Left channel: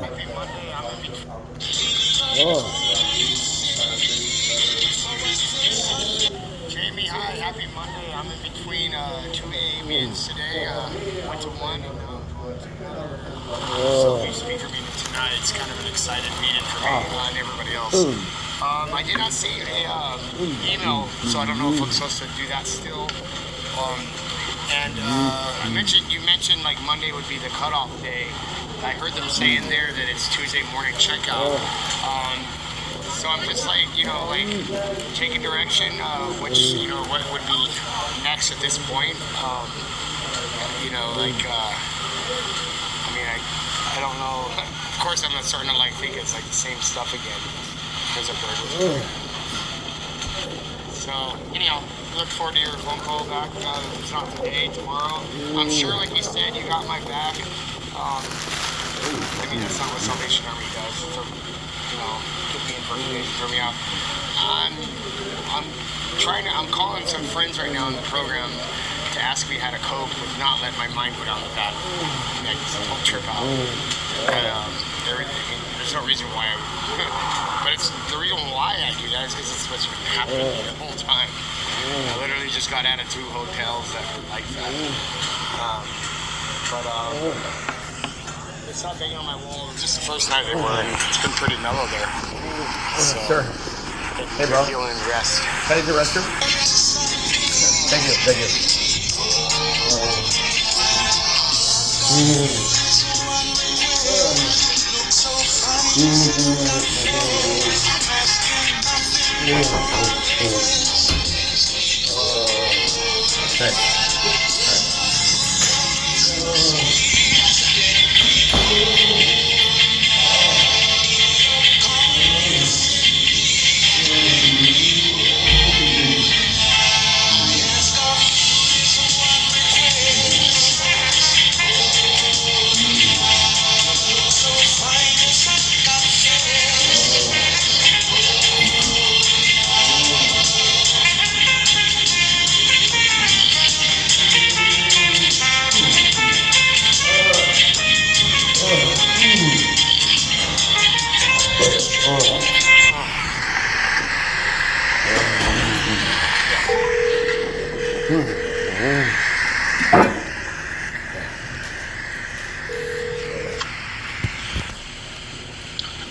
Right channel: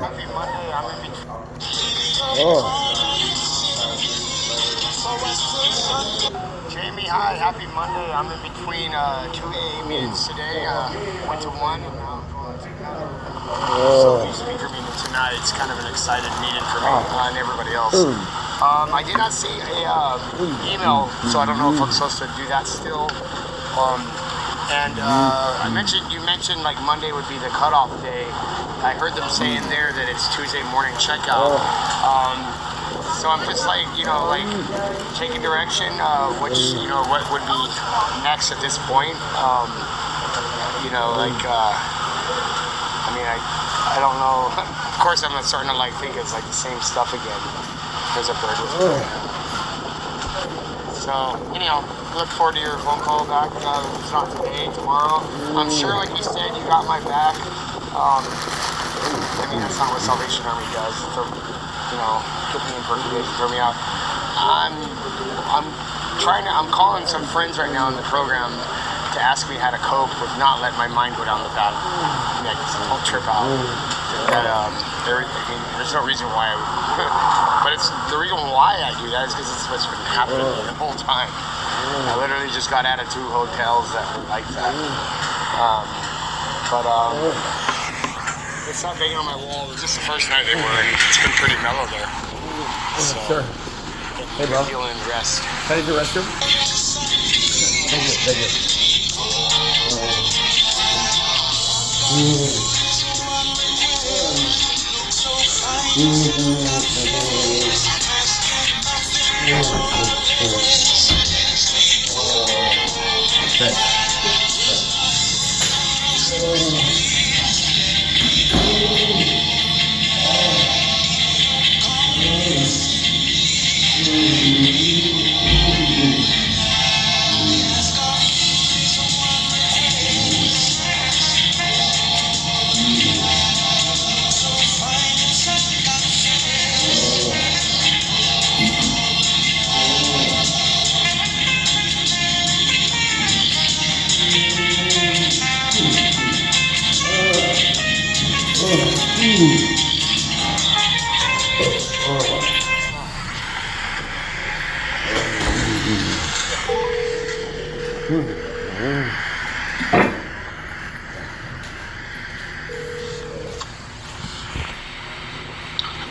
Happy Monday. I'm in between. Jamie, hi. Happy Monday. I'm in between two AA meetings today. Went to one and now I'm going to another. So you speaker meeting tonight. It's kind of an excited meeting for me and everybody else. I did not see a email, so I don't know if I'm supposed to do that still. You mentioned like Monday would be the cutoff day. I heard them saying there that it's Tuesday morning checkout. So I'm just like, taking direction, what would be next at this point. I don't know. Of course, I'm starting to think it's like the same stuff again. There's a bird with me. So, look forward to your phone call back. It's not today, tomorrow. I'm sure, like you said, you got my back. That's not what Salvation Army does. So, put me in for information, throw me out. I'm calling some friends right now in the program to ask me how to cope with not letting my mind go down the path. I just won't trip out. There's no reason why but it's the reason why I do that is because it's what's been happening the whole time. I literally just got out of 2 hotels that were like that. It's not banging on my wall. It was just the first night they were. It's been pretty mellow there. So, sure. Hey, bro. Feeling rest. Can I use the restroom? Thank you.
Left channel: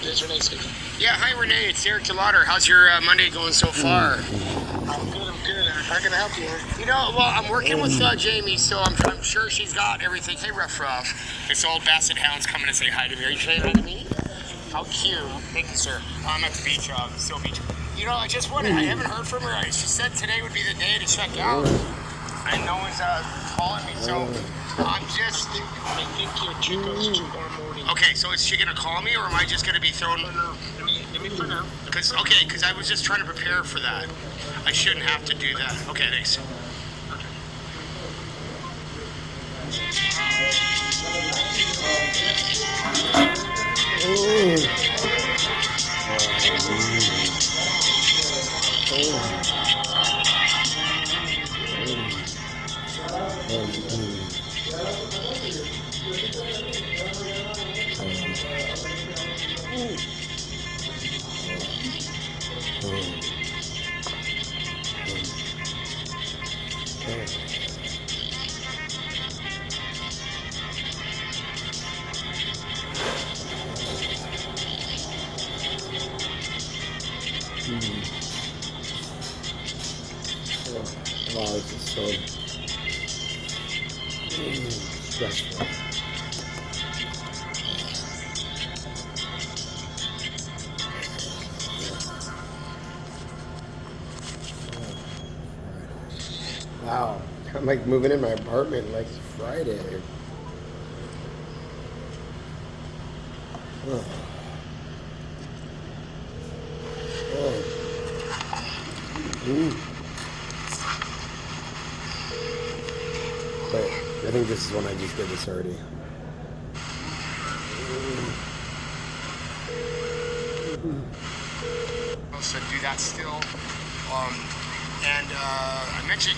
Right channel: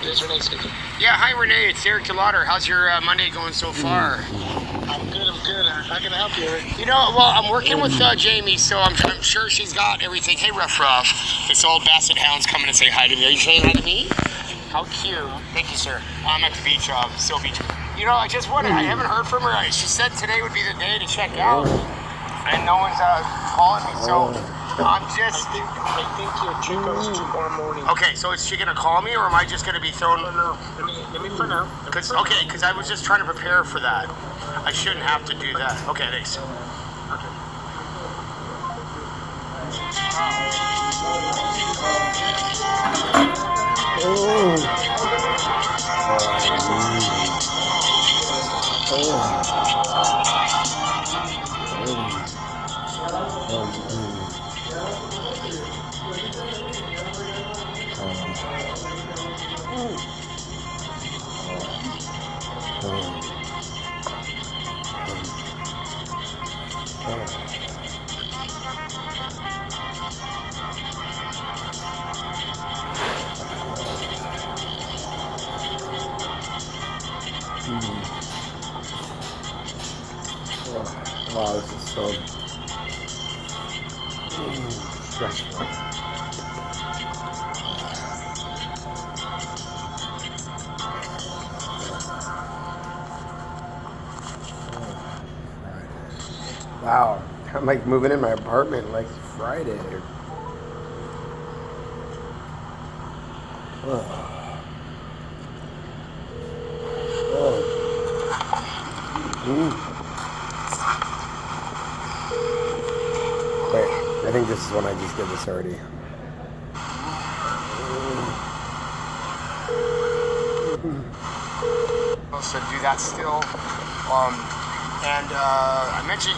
It's Renee speaking. Yeah, hi Renee, it's Eric DeLauder. How's your Monday going so far? I'm good. How can I help you, Eric? I'm working with Jamie, so I'm sure she's got everything. Hey, Ruff. This old basset hound's coming to say hi to me. Are you saying hi to me? How cute. Thank you, sir. I'm at the beach, Still Beach. I just wondered, I haven't heard from her. She said today would be the day to check out, and no one's calling me, so I'm just... I think your check goes tomorrow morning. Okay, so is she going to call me, or am I just going to be thrown... No. Let me find out. Because I was just trying to prepare for that. I shouldn't have to do that. Okay, thanks. Wow, this is so stressful. Wow. I'm like moving in my apartment like Friday. Oh. Wait, I think this is when I just did this already. So do that still.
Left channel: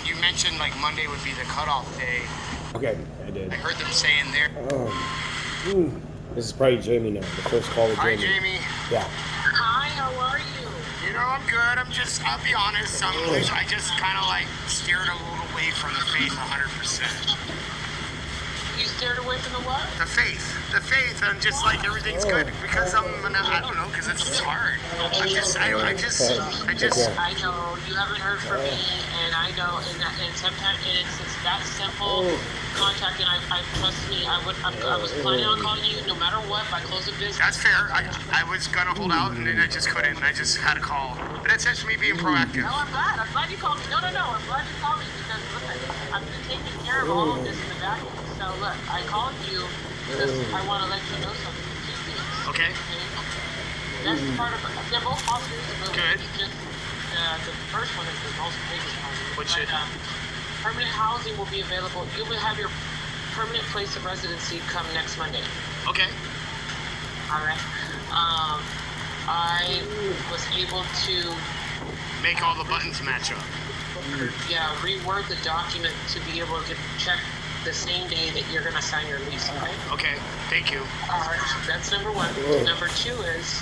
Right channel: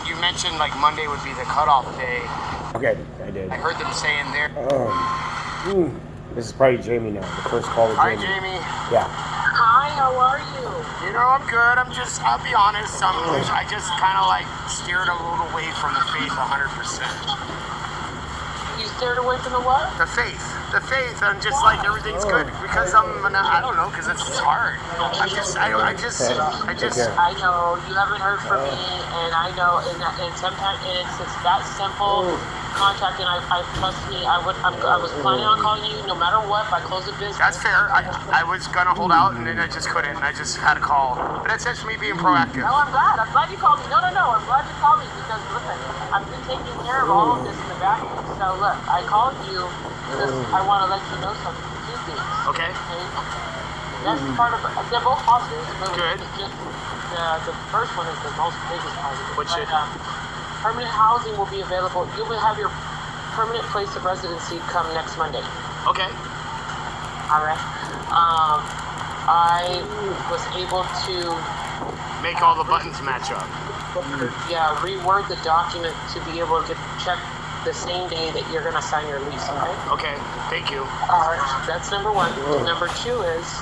You mentioned like Monday would be the cutoff day. Okay, I did. I heard them saying there. This is probably Jamie now. The first call with Hi, Jamie. Jamie. Yeah. Hi, how are you? You know, I'm good. I'll be honest. I just kind of like steered a little away from the faith 100%. You steered away from the what? The faith. I'm just like everything's good because I don't know, because it's hard. I know you haven't heard from me, and I know, and sometimes it's that simple contract, and I trust me. I was planning on calling you no matter what by close of business. That's fair. I was gonna hold out, and then I just couldn't. I just had a call, but that's just me being proactive. No, I'm glad. I'm glad you called me. No. I'm glad you called me because listen, I've been taking care of all of this in the back. So look, I called you because I want to let you know something. Two things. Okay. That's part of it. They're both positive. Good. Just the first one is the most biggest positive. Which is? Permanent housing will be available. You will have your permanent place of residency come next Monday. Okay. All right. I was able to make all the buttons match up. Yeah, reword the document to be able to get checked the same day that you're going to sign your lease. Okay. Okay. Thank you. All right. That's number one. Number two is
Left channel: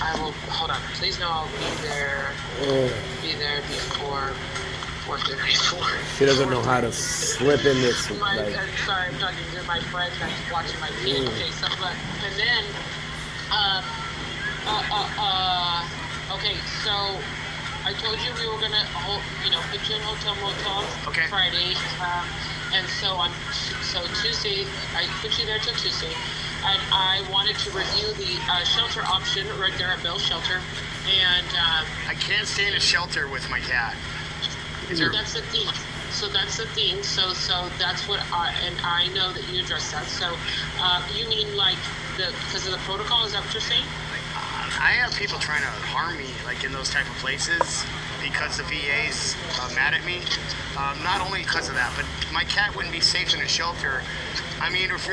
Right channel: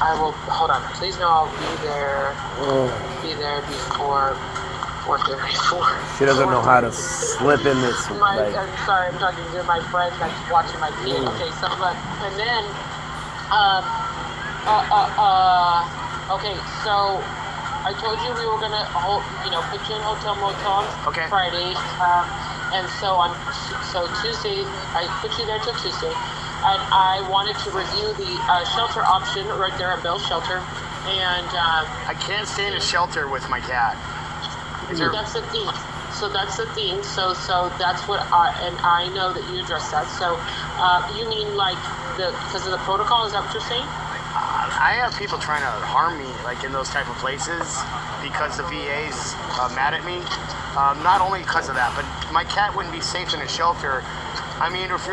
I will hold on. Please know I'll be there. Be there before 4:34. She doesn't know how to slip in this. I'm sorry, I'm talking to my friends, like watching my kids. Okay, so look, and then, okay, so I told you we were gonna put you in hotel motel on Friday, and so Tuesday I put you there till Tuesday, and I wanted to review the shelter option right there at Bell Shelter, and I can't stay in a shelter with my cat. That's the thing. So that's the thing. So that's what I know that you addressed that. So you mean like because of the protocol? Is that what you're saying? I have people trying to harm me, like in those type of places, because the VA's mad at me. Not only because of that, but my cat wouldn't be safe in a shelter. I mean, if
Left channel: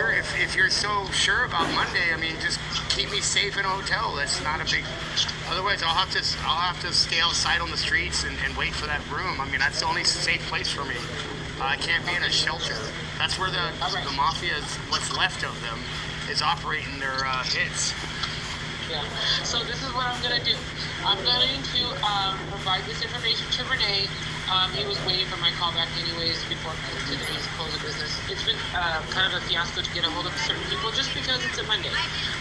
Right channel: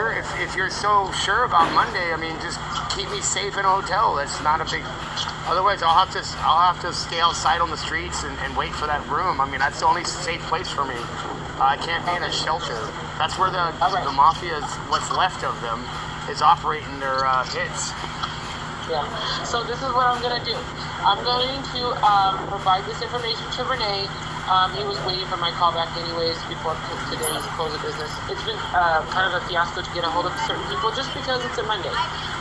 you're so sure about Monday, I mean, just keep me safe in a hotel. That's not a big. Otherwise, I'll have to stay outside on the streets and wait for that room. I mean, that's the only safe place for me. I can't be in a shelter. That's where the mafia, what's left of them, is operating their hits. Yeah. So this is what I'm gonna do. I'm going to provide this information to Renee. He was waiting for my call back anyways before today's close of business. It's been kind of a fiasco to get a hold of certain people just because it's a Monday.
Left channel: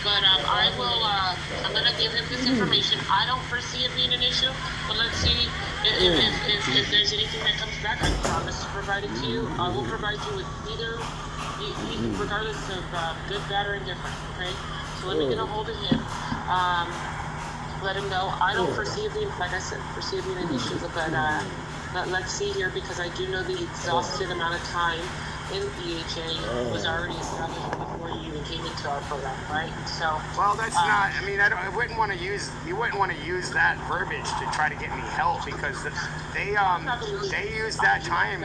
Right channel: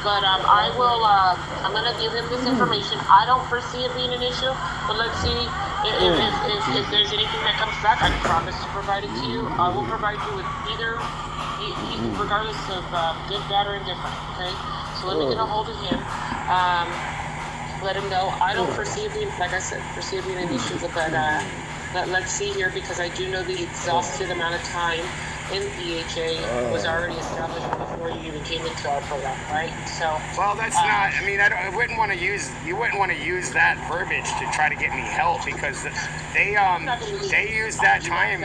But I'm going to give him this information. I don't foresee it being an issue, but let's see if there's anything that comes back. I promise to provide it to you. I will provide you with either, regardless of good, bad, or indifferent, okay? So let me get a hold of him. Let him know. I don't foresee it being, like I said, an issue, but let's see here, because I do know the exhausted amount of time in EHA was already established before you even came into our program, right? So. Well, that's not. I mean, I wouldn't want to use. You wouldn't want to use that verbiage to try to get me help, because they use that time.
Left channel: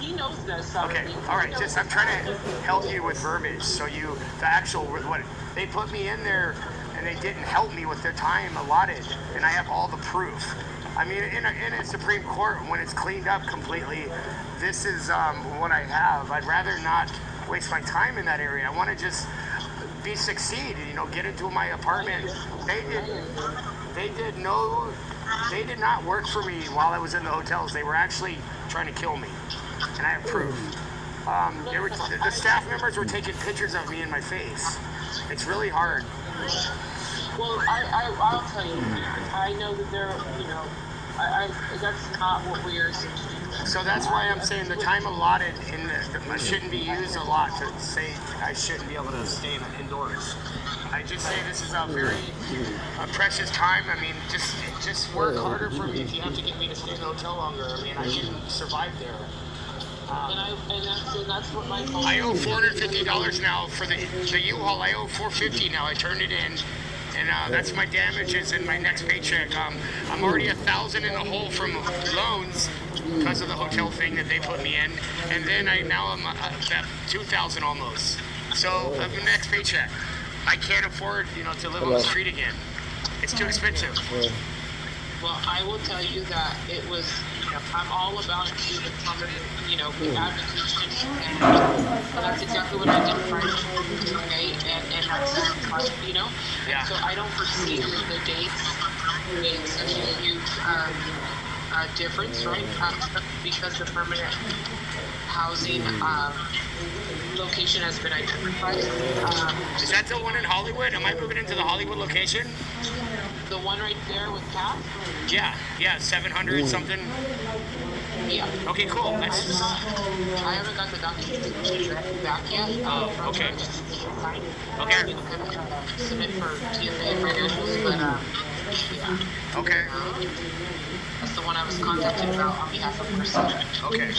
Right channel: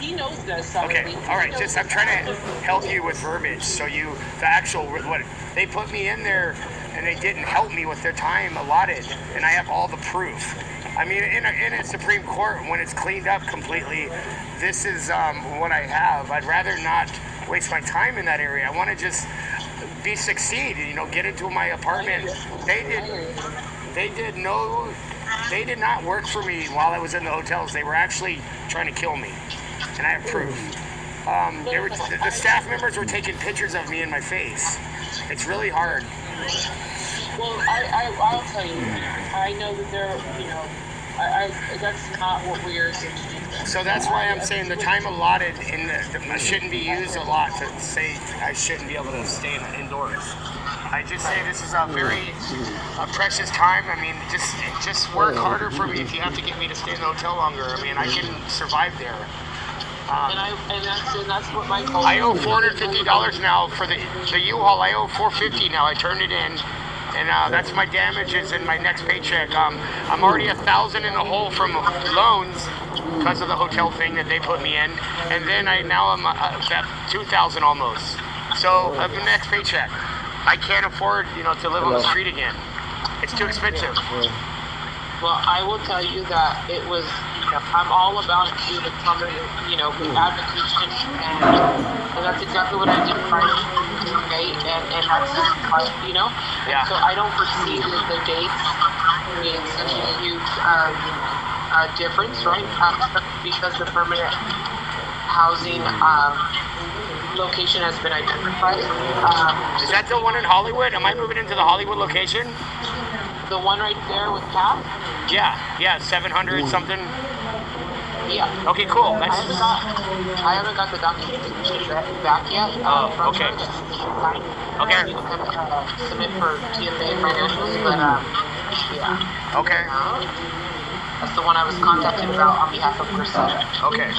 He knows this. Okay, all right. Just I'm trying to help you with verbiage, so what they put me in there, and they didn't help me with their time allotted, and I have all the proof. I mean, in a Supreme Court, when it's cleaned up completely, this is what I have. I'd rather not waste my time in that area. I want to just succeed. Get into my apartment. They did not work for me while I was in the hotels. They were actually trying to kill me, and I have proof. The staff members were taking pictures of me in my face. It's really hard. Well, I'll tell you. I know that That's not what we are saying. So that's why I'm saying the time allotted shouldn't be used a lot to say I shouldn't be able to stay indoors. I just say this is a very precious time. I mean, just work harder for me if you have to get me to stay in the hotel longer. I mean, I can survive there. And that's what my call. I owe $450 now for the U-Haul. I owe $450 now. I turned it in. And that's my damages in my next paycheck. I'm already $1,000 in the hole from loans because of the hotel thing that they put me in, and then I'm about $2,000 almost. So the next paycheck, I can't afford to live on the street again. It's too expensive. Well, I will tell you that it was. I'm all about you to come and be advocates, and that's exactly what I did right. Okay, and that's Yeah. So I don't foresee the dates being such a huge difference, right? Because the permanent housing location has been identified. Is that the one in Hollywood? Am I moving into the Hollywood location? The one right there with Pat? Yeah, 700 something. Yeah. Okay, cool. I haven't got the documentation back yet. Okay. Okay. You can submit for TSA financials, but yeah. Okay. That's the one I was contacted about on behalf of Priscilla. Okay.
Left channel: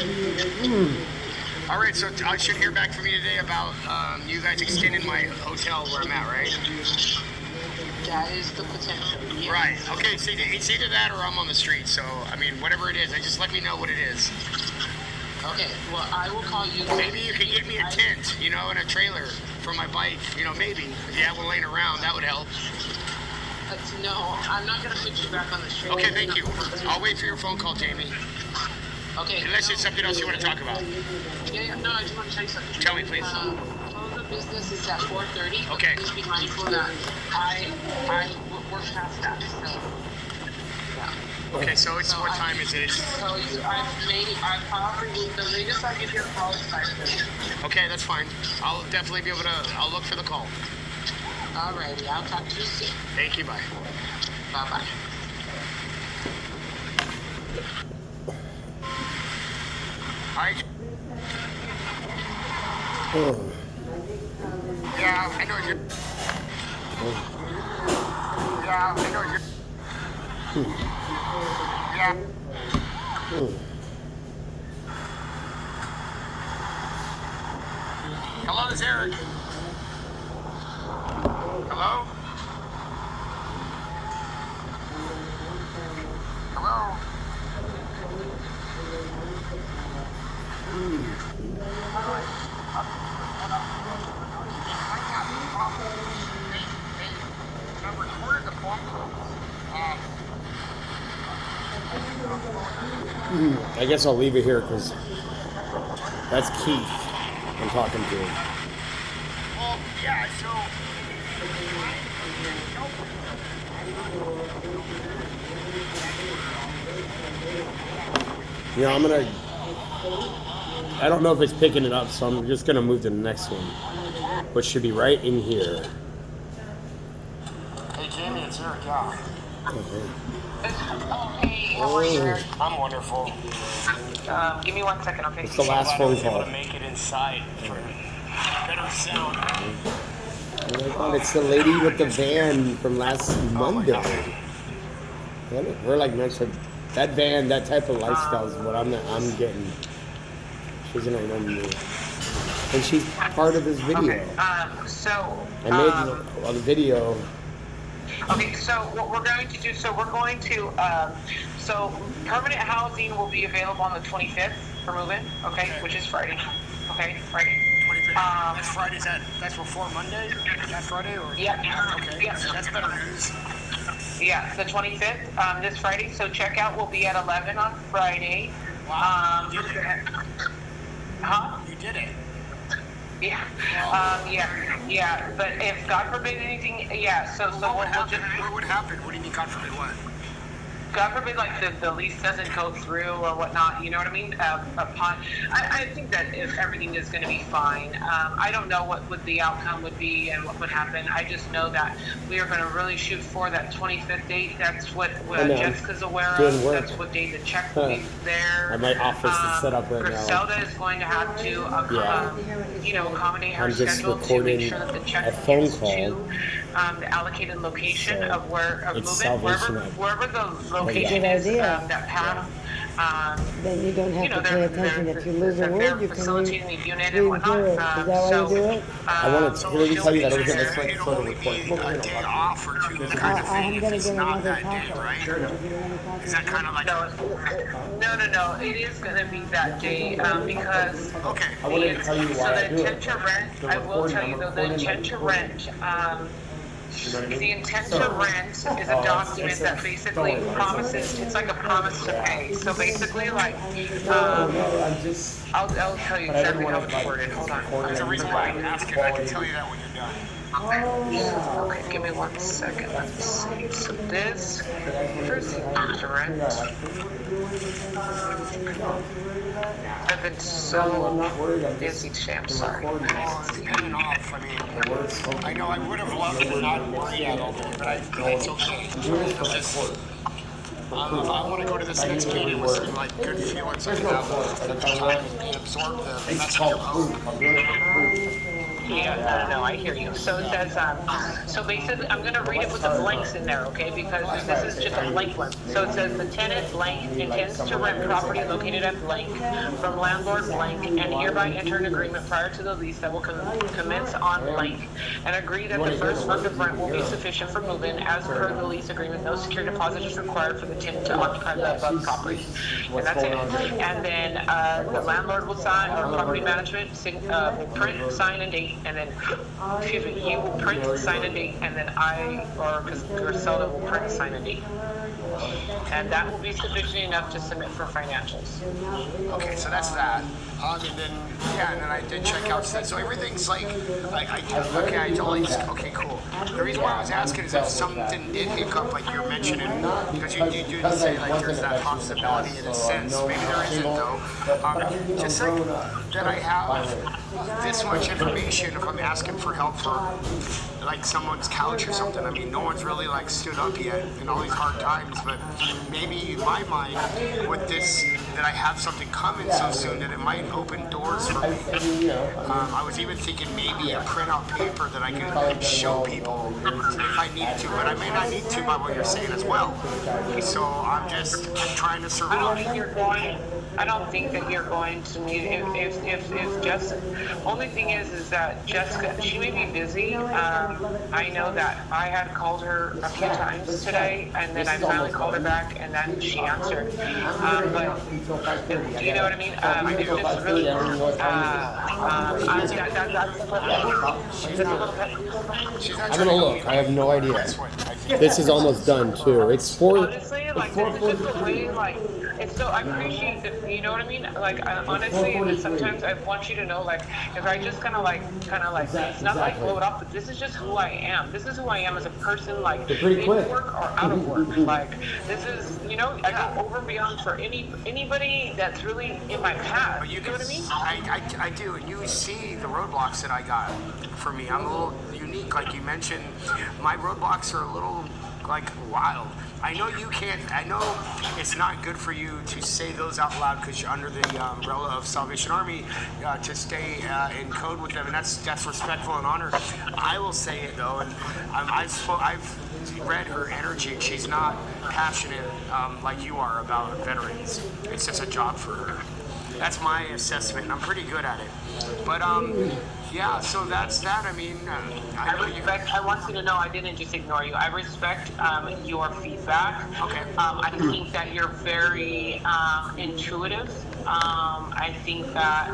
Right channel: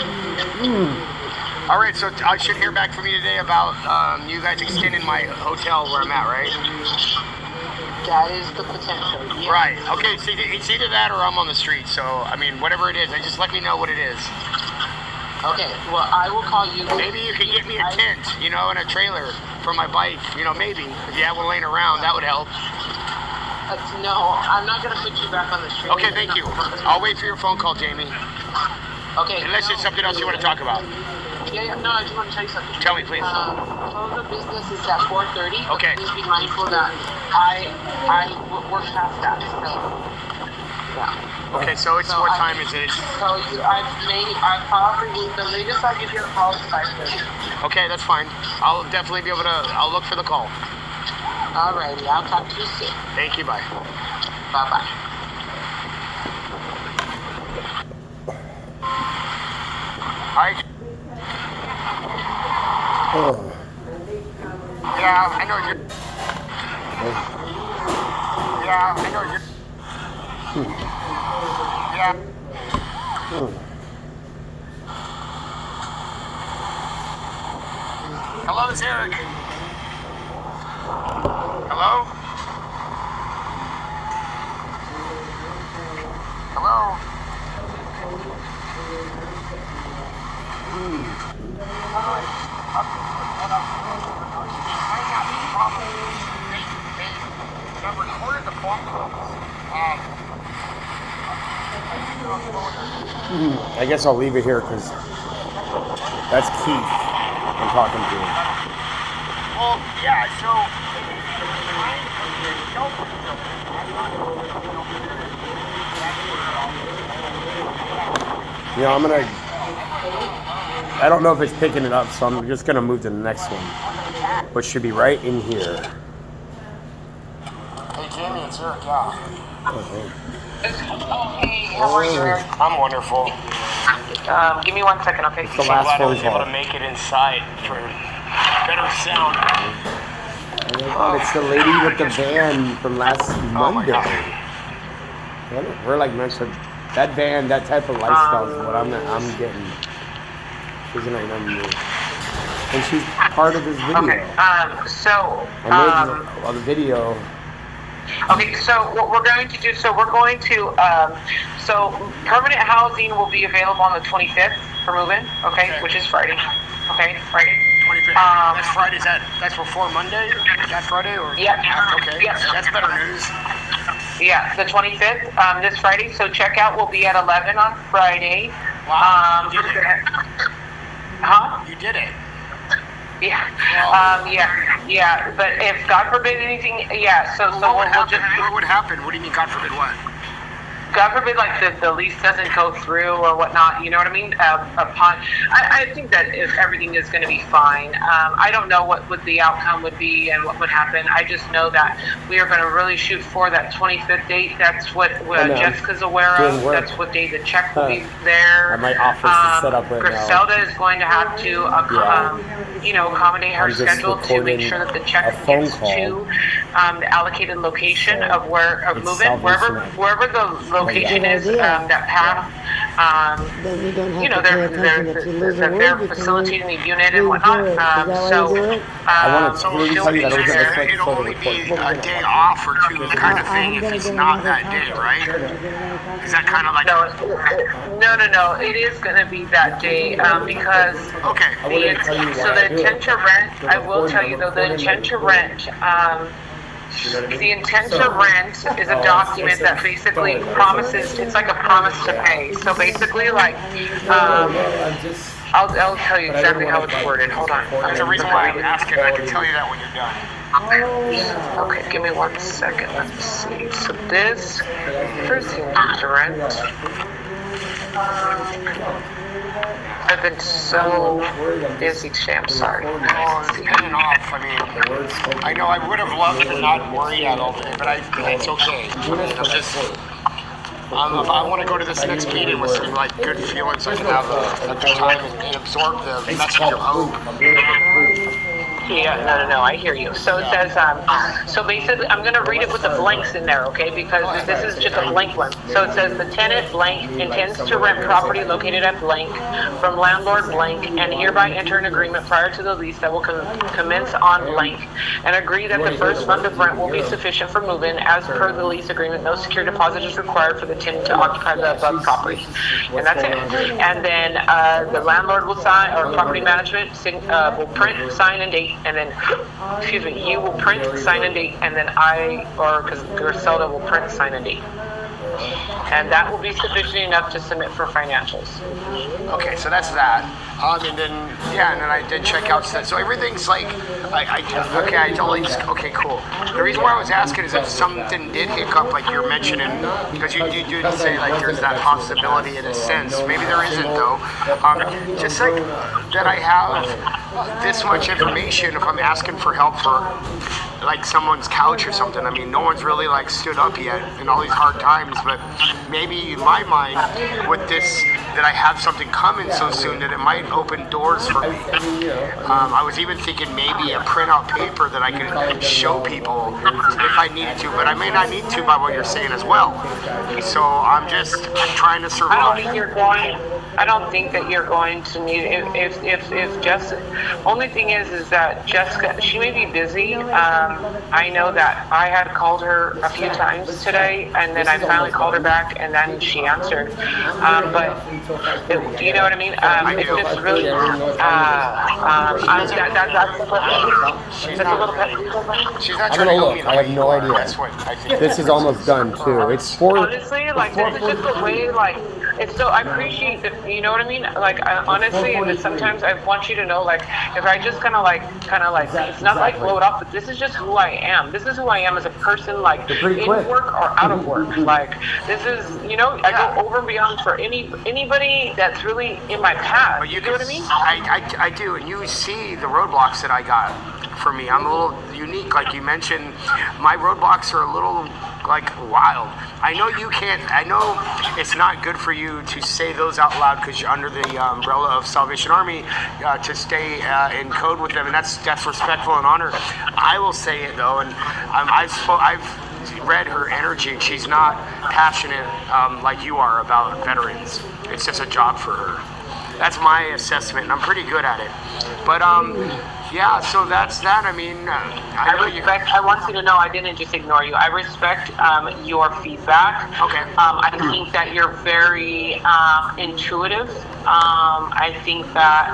All right, so I should hear back from you today about you guys extending my hotel where I'm at, right? That is the potential. Yes. Right. Okay. So it's either that or I'm on the street. So I mean, whatever it is, just let me know what it is. Okay. Well, I will call you. Maybe you could get me a tent, and a trailer for my bike. Maybe if you have one laying around, that would help. No, I'm not gonna put you back on the street. Okay. Thank you. I'll wait for your phone call, Jamie. Okay. Unless there's something else you want to talk about. Yeah. No, I just want to tell you something. Tell me, please. Close of business is at 4:30. Okay. Please be mindful that I work past that. So, yeah. Okay, so it's what time is it? So I've probably, the latest I'll give you a call is 5:30. Okay, that's fine. I'll definitely be able to, I'll look for the call. Alrighty, I'll talk to you soon. Thank you, bye. Bye-bye. Hi. Oh. Yeah, I know you're. Yeah, I know you're. Yeah. Hello, it's Eric. Hello? Hello? I recorded the phone calls. I guess I'll leave it here because that's Keith I'm talking to. Well, yeah, so. I don't know if it's picking it up, so I'm just gonna move to the next one, which should be right in here. Hey, Jamie, it's Eric, yeah. Okay. Hey, how are you, Eric? I'm wonderful. Give me 1 second, okay? It's the last I phone was able call. to make it inside for better sound. Oh my God, it's the lady with the van from last Monday. We're like meant to. That van, that type of lifestyle is what I'm getting. She's gonna remember me, and she's part of this video. Okay. I made the video. Okay, so what we're going to do, so permanent housing will be available on the 25th for move-in, okay, which is Friday. Okay, Friday. 25th. That's Friday. That's before Monday? That Friday? Or? Yeah. Okay. Yeah. That's better news. Yeah, the 25th, this Friday. So checkout will be at 11 on Friday. Wow. You did it. Huh? You did it. Yeah. Wow. Yeah. But if God forbid anything, yeah. So What we'll just. What would happen? What do you mean, God forbid what? God forbid, like the lease doesn't go through or whatnot, you know what I mean? I think that if everything is going to be fine. I don't know what the outcome would be and what would happen. I just know that we are going to really shoot for that 25th date. That's what Jessica's aware of. That's what day the check will be there. My office is set up right now. Griselda is going to have to, accommodate her schedule to make sure that the check gets to the allocated location of move-in, wherever the location is, that path. Then you don't have to pay attention if you live in they're Wood, you can facilitating the unit do and whatnot. it. Is that why you do it? I want to clearly tell you that I was going to It'll photo only be report. a day off or two kind of thing if it's not that day, right? Is that kind of like... No. It is going to be that day because Okay. the intent to rent, I will tell you though, the intent to rent, the intent to rent is a document that basically promises, it's like a promise to pay. So basically like, I'll tell you exactly how it's worded. Hold on. There's a reason why I'm asking. I can tell you that when you're done. Okay, give me 1 second. Let's see. So this, first the intent to rent. I've been so busy today, I'm sorry. On and off. I mean, I know I would have loved to not worry at all day, but it's okay. I'm just... I want to go to this next meeting with some like good feelings. I can have the time and absorb the message of hope. Yeah, no, I hear you. So it says, so basically, I'm going to read it with the blanks in there, okay? Because this is just a blank one. So it says, the tenant blank intends to rent property located at blank from landlord blank and hereby enter an agreement prior to the lease that will commence on blank and agree that the first month of rent will be sufficient for move-in. As per the lease agreement, no secure deposit is required for the tenant to occupy the above property. And that's it. And then the landlord will sign, or property management will print, sign, and date. And then, you will print, sign, and date, and then because Griselda will print, sign, and date. And that will be sufficient enough to submit for financials. Okay, so that's that. And then I did check out stuff. So everything's like, okay, cool. The reason why I was asking is if something did hiccup, like you're mentioning, because you did say like there's that possibility in a sense. Maybe there isn't though. Just like that I have this much information, if I'm asking for help for like someone's couch or something. I mean, no one's really like stood up yet in all these hard times, but maybe in my mind with this, that I have something coming so soon that it might open doors for me. I was even thinking maybe a printout paper that I could show people if I needed to, but I may not need to by what you're saying as well. So I'm just trying to survive. I don't think that you're going to need, if Jessica, only thing is that Jessica, she may be busy. I know that I had called her a few times today, and then I finally called her back, and then she answered. But you know what I mean? It's just really, I'm gonna look. I have no idea. This is almost done too. It's honestly, like this is just the way, like it's so. I appreciate that. You know what I mean? Like honestly, sometimes I want you to know, like if I just kind of like, it's not like blow it up, but this is just who I am. This is who I am as a person, like in work or out of work. Like this is, I go over and beyond for anybody that's really in my path. But you know what I mean? I do, and you see the roadblocks that I got for me. I'm a little unique, like you mentioned. My roadblocks are a little like wild. I know you can't. I know it's not good for you to say those out loud because you're under the umbrella of Salvation Army to stay in code with them, and that's respectful and honor. I will say it though, and I've read her energy, and she's not passionate like you are about veterans. It's just a job for her. That's my assessment, and I'm pretty good at it. But yeah, so that's that. I mean, I want you to know I didn't just ignore you. I respect your feedback. Okay. I think that you're very intuitive. I think that,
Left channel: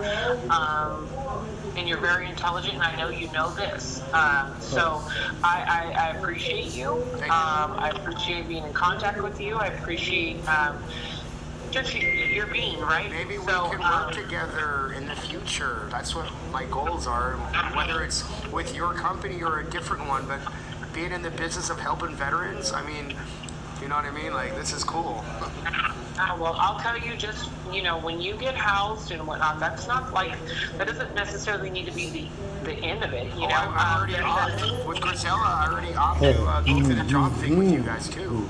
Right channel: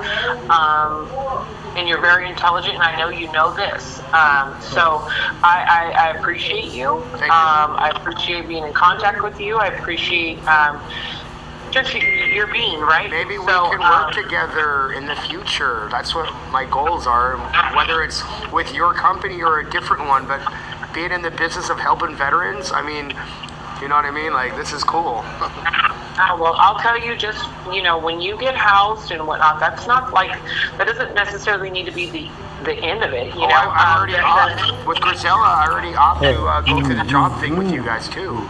and you're very intelligent, and I know you know this. So I appreciate you. Thank you. I appreciate being in contact with you. I appreciate just your being, right? Maybe we can work together in the future. That's what my goals are, whether it's with your company or a different one, but being in the business of helping veterans, I mean, You know what I mean? Like, this is cool. Well, I'll tell you, just, when you get housed and whatnot, that's not like, that doesn't necessarily need to be the end of it, I'm already off. With Grisella, I already off to go through the job thing with you guys, too.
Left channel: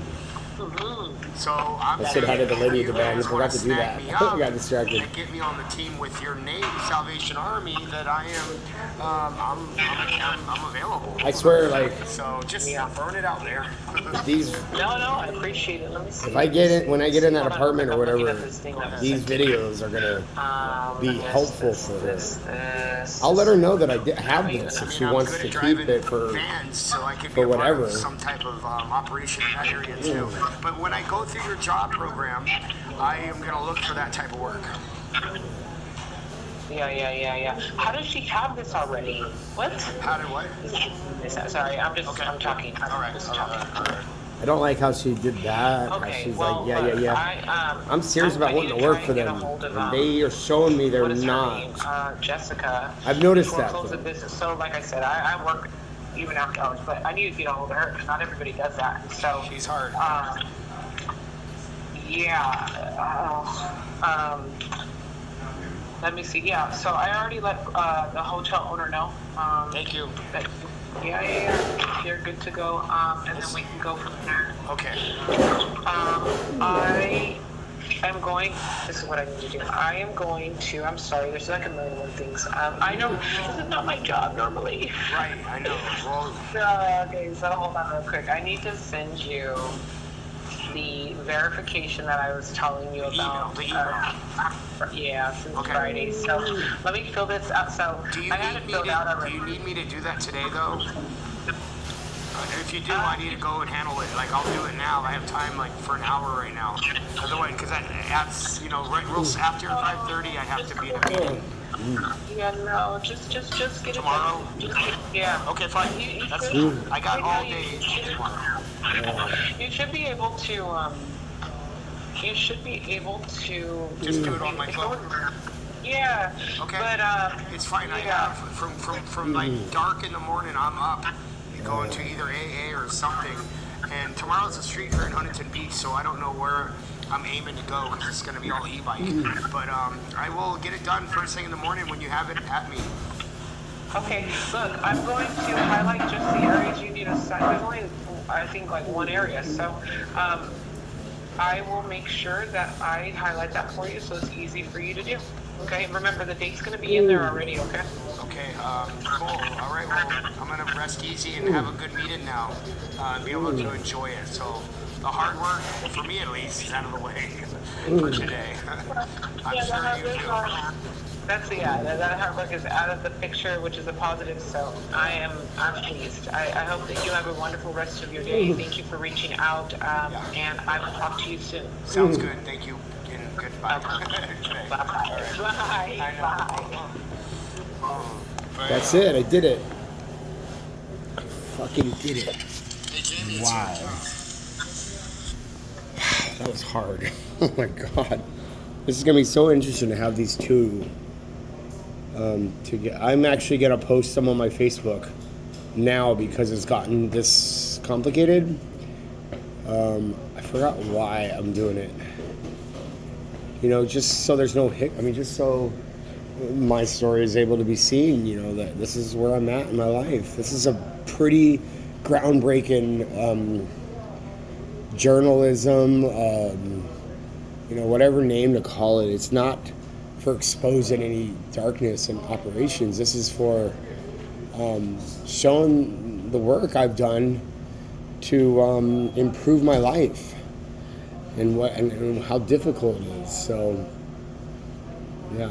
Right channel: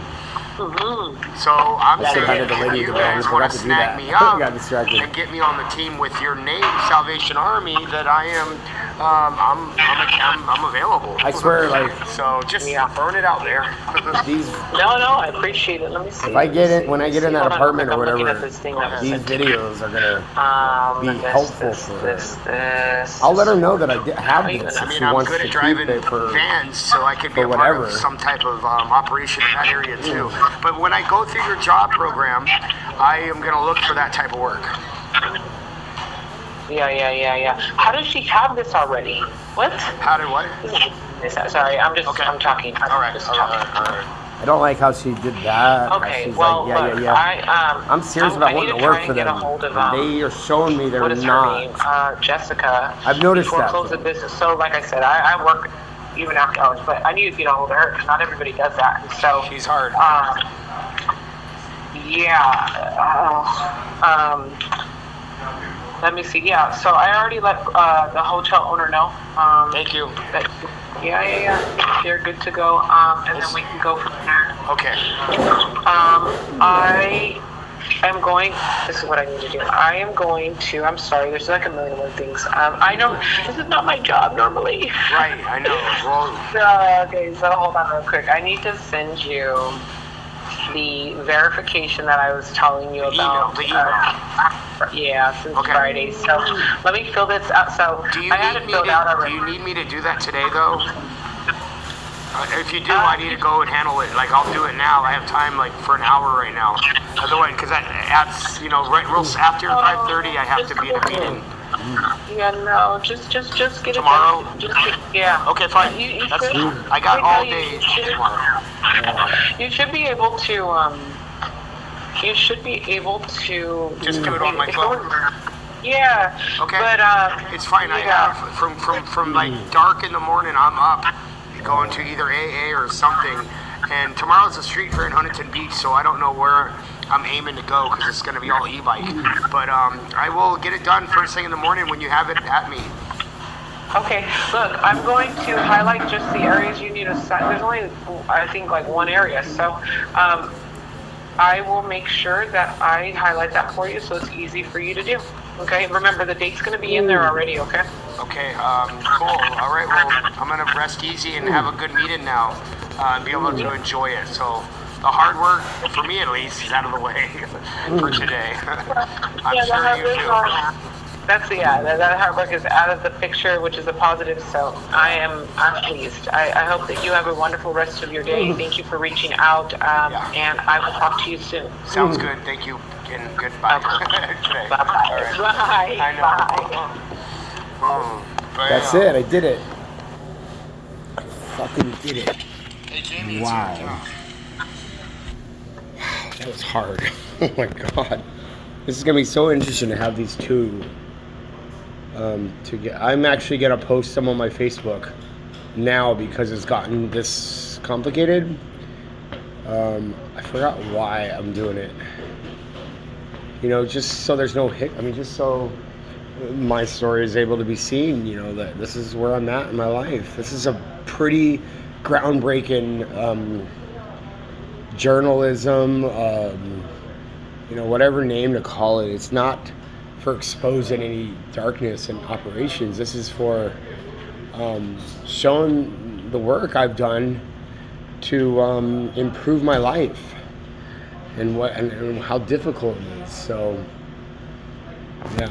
So I'm I said hi to the lady with the van. I forgot to do that. I got distracted. And get me on the team with your name, Salvation Army, that I am. I'm available. I swear, like, so just burn it out there. these. No, I appreciate it. Let me see. If I get it, when I get in that Hold on, apartment or I'm looking whatever, at this thing that these videos are gonna be helpful for her. This. I'll let her know that I have this I if mean, she I'm wants good to at keep driving it for. vans, so I could be for a part whatever. of some type of operation in that area too. But when I go through your job program, I am going to look for that type of work. Yeah. How does she have this already? What? How did what? Sorry, I'm talking. All right. I don't like how she did that. How Okay, she's well, like, yeah. I'm serious about I wanting need to work try for and get them. a hold of, They are showing me they're what is her not. name? Jessica. I've noticed before that, close the though. business. So, like I said, I work even after hours, but I need to get a hold of her because not everybody does that. And so She's hard. Let me see. Yeah, so I already let the hotel owner know. Thank you. That, yeah. They're good to go. And then we can go from there. Okay. I am going. This is what I need to do. I am going to. I'm sorry. There's like a million and one things. I know this is not my job normally. Right. I know. Well, Okay. So hold on real quick. I need to send you the verification that I was telling you about. The email. Since Okay. Friday. So let me fill this out. So I had it filled out already. Do you need me to do that today, though? If you do, I need to go and handle it. Like, I'll do it now. I have time, like, for an hour right now. Otherwise, because right after 5:30, I have to be in a meeting. Yeah, no, just get Tomorrow? it done. Yeah. Okay, fine. You That's should- I got all you day should- tomorrow. You should be able to. You should be able to. Just do it on my phone. Yeah. Okay. But It's fine. I have from like dark in the morning. I'm up, going to either AA or something. And tomorrow's a street fair in Huntington Beach, so I don't know where I'm aiming to go because it's going to be all e-bike. But I will get it done first thing in the morning when you have it at me. Okay, look, I'm going to highlight just the areas you need to sign. There's only, I think, like one area. So I will make sure that I highlight that for you so it's easy for you to do. Okay, remember the date's going to be in there already, okay? Okay, cool. All right, well, I'm going to rest easy and have a good meeting now. Be able to enjoy it. So the hard work, for me at least, is out of the way for today. I'm sure you too. That hard work is out of the picture, which is a positive. So I'm pleased. I hope that you have a wonderful rest of your day. Thank you for reaching out, and I will talk to you soon. Sounds good. Thank you, and goodbye. Today. Bye. All right. Bye. I know. Bye. That's it. I did it. I fucking did it. Wow. That was hard. Oh my god. This is gonna be so interesting to have these two. I'm actually gonna post some on my Facebook now because it's gotten this complicated. I forgot why I'm doing it. Just so there's no just so my story is able to be seen. That this is where I'm at in my life. This is a pretty groundbreaking journalism. Whatever name to call it. It's not for exposing any darkness in operations. This is for showing the work I've done to improve my life and how difficult it is. So, yeah.